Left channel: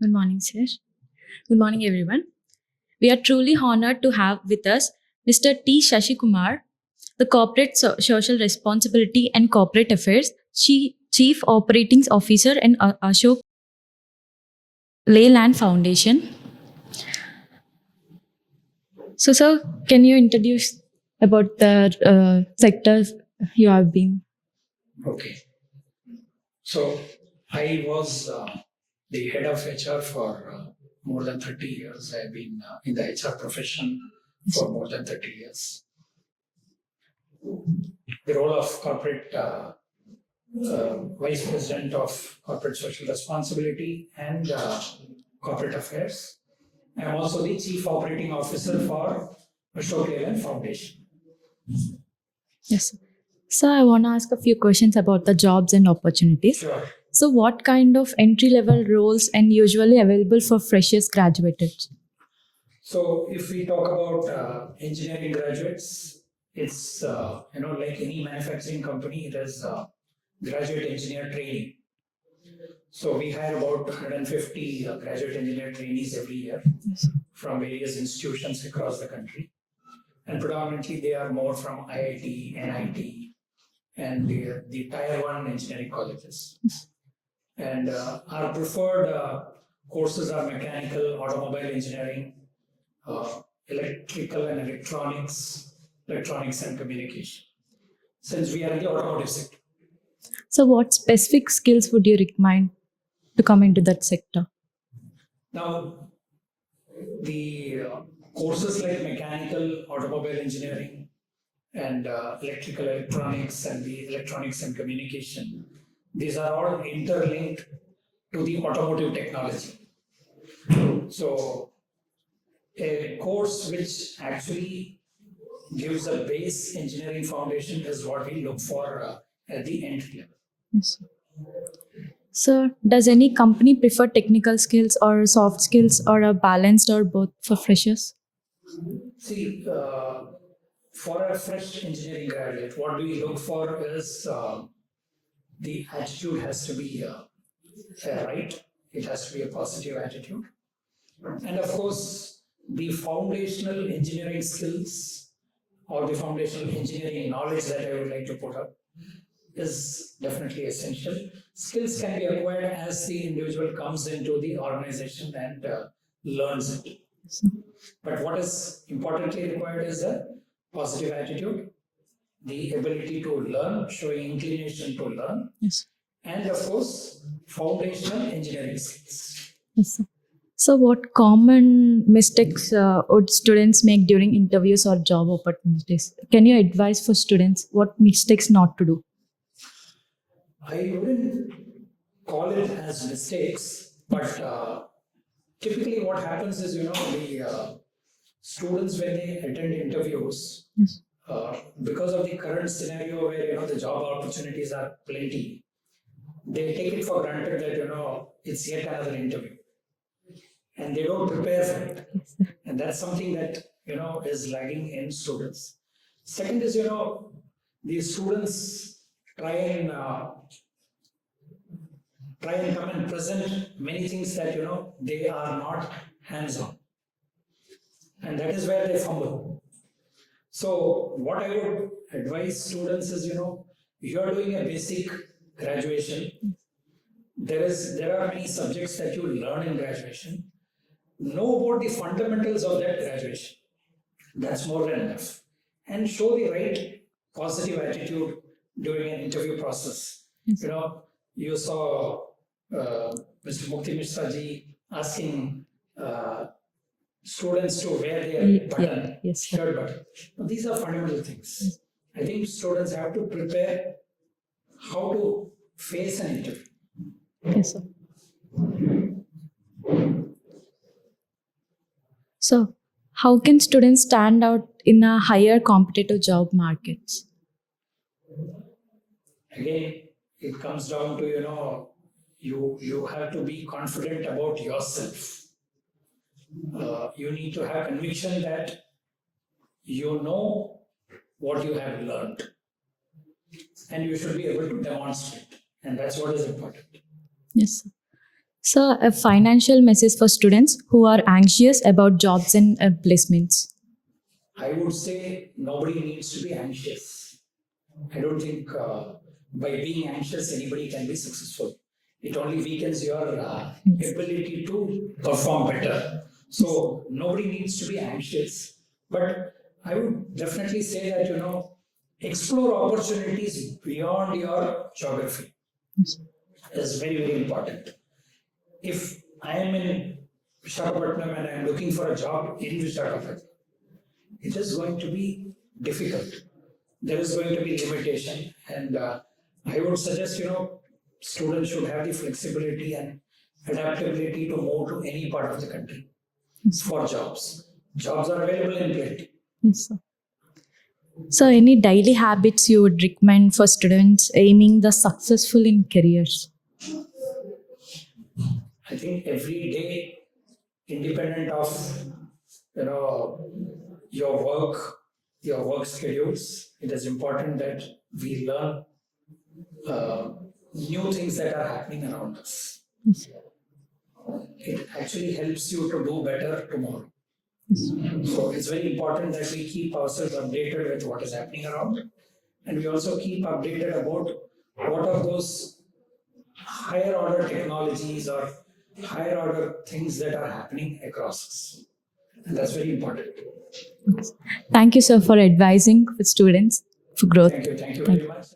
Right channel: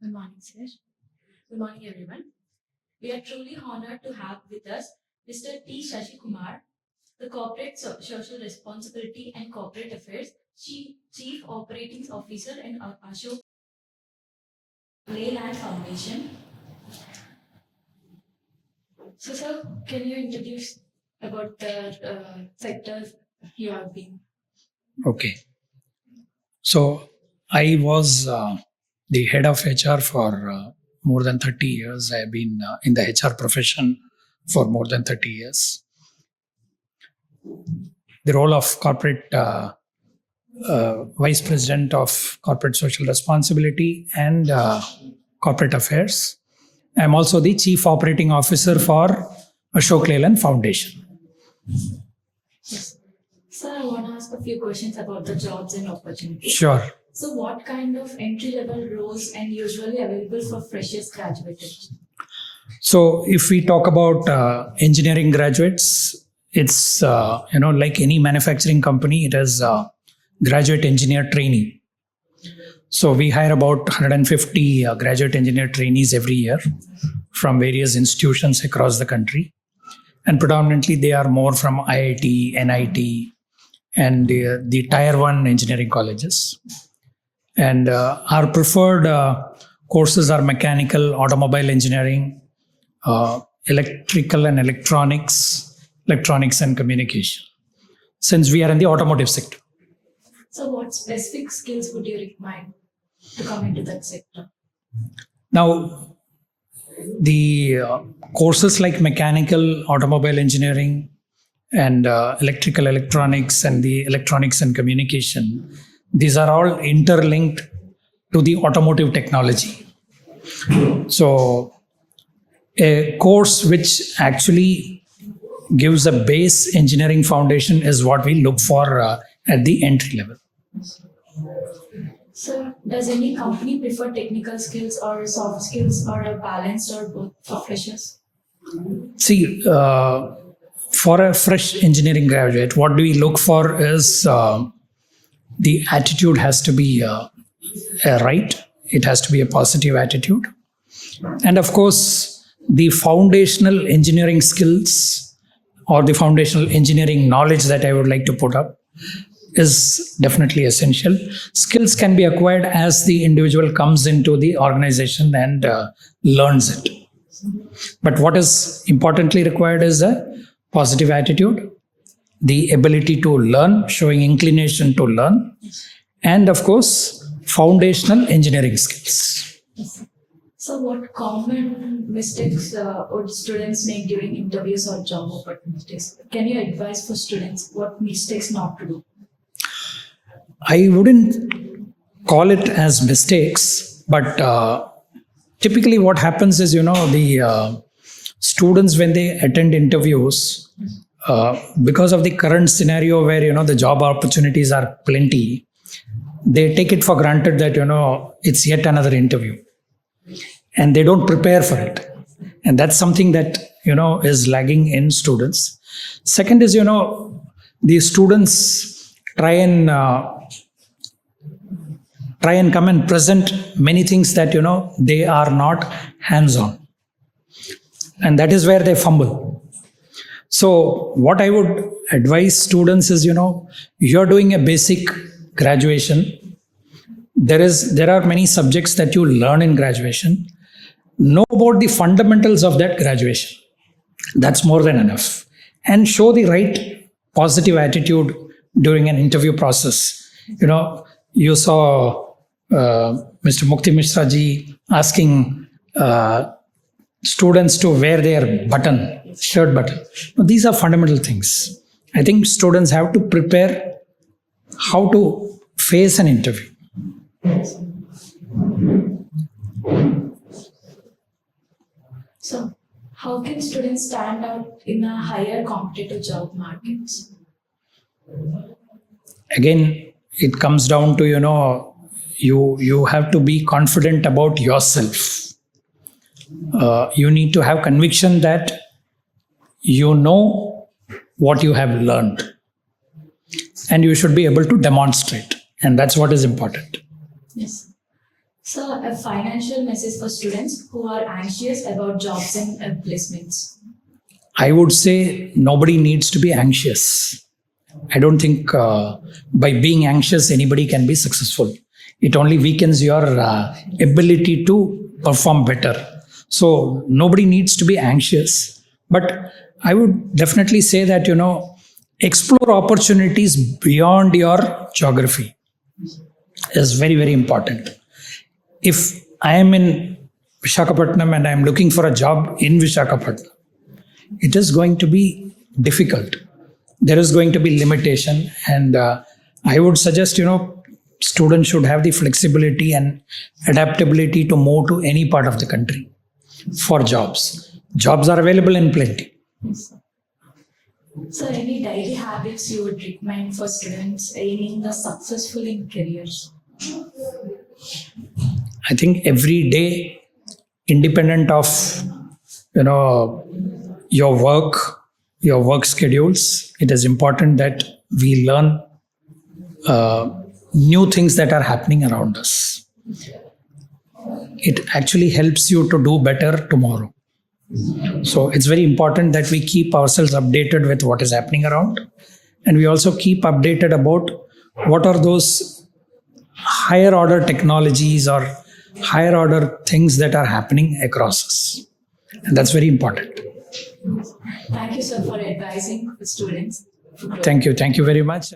Good morning, sir. Good morning, everyone. We are truly honored to have with us Mr. T. Sasi Kumar, the Corporate Social Responsibility and Corporate Affairs Chief Operating Officer and Ashok Leyland Foundation. So, sir, can you introduce about the sectors you have been? Okay. So I was the head of HR for more than 30 years. I have been in the HR profession for more than 30 years. The role of corporate vice president of corporate social responsibility and corporate affairs. I'm also the chief operating officer for Ashok Leyland Foundation. Yes. So, I want to ask a few questions about the jobs and opportunities. Sure. So, what kind of entry-level roles and usually available for freshers graduated? So if we talk about engineering graduates, it's like any manufacturing company, it is graduate engineer trainee. So we hire about 150 graduate engineer trainees every year from various institutions across the country, and predominantly they are more from IIT, NIT, and the Tier 1 engineering colleges. And our preferred courses are mechanical, automobile engineering, electrical and electronics and communication, since we are in the automotive sector. So, what specific skills would you recommend to come into that sector? Now, the courses like mechanical, automobile engineering, and electrical electronics and the electronics and communication, these are all interlinked to the automotive technology. So a course which actually gives a base engineering foundation is what we look for at the entry level. Yes. So, does any company prefer technical skills or soft skills or a balanced or both for freshers? See, for a fresh engineering graduate, what do we look for is the attitude has to be right. It has to be a positive attitude. And of course, the foundational engineering skills or the foundational engineering knowledge that I would like to put up is definitely essential. Skills can be acquired as the individual comes into the organization and learns it. But what is importantly required is a positive attitude, the ability to learn, showing inclination to learn, and of course, foundational engineering skills. Yes. So, what common mistakes would students make during interviews or job opportunities? Can you advise for students what mistakes not to do? I wouldn't call it as mistakes, but typically what happens is, the students, when they attend interviews, because of the current scenario where, the job opportunities are plenty, they take it for granted that, it's yet another interview. And they don't prepare for it. And that's something that, is lagging in students. Second is, the students try and come and present many things that, they are not hands-on. And that is where they fumble. So what I would advise students is, you're doing a basic graduation. There are many subjects that you learn in graduation. Know about the fundamentals of that graduation. That's more than enough. And show the right positive attitude during an interview process. You saw Mr. Mukti Mishra ji asking students to wear their button, shirt button. These are fundamental things. I think students have to prepare how to face an interview. So, how can students stand out in a higher competitive job markets? Again, it comes down to, you have to be confident about yourself. You need to have conviction that you know what you have learned. And you should be able to demonstrate. And that's what is important. Yes. So, a financial message for students who are anxious about jobs and placements. I would say nobody needs to be anxious. I don't think by being anxious anybody can be successful. It only weakens your ability to perform better. So nobody needs to be anxious. But I would definitely say that, explore opportunities beyond your geography is very, very important. If I am in Visakhapatnam and I am looking for a job in Visakhapatnam, it is going to be difficult. There is going to be limitation, and I would suggest students should have the flexibility and adaptability to move to any part of the country for jobs. Jobs are available in plenty. Yes, sir. So, any daily habits you would recommend for students aiming the successful in careers? I think every day, independent of your work schedules, it is important that we learn new things that are happening around us. It actually helps you to do better tomorrow. So it's very important that we keep ourselves updated with what is happening around, and we also keep updated about what are those higher order technologies or higher order things that are happening across us. And that's very important. Thank you, sir, for advising the students for growth. Thank you very much.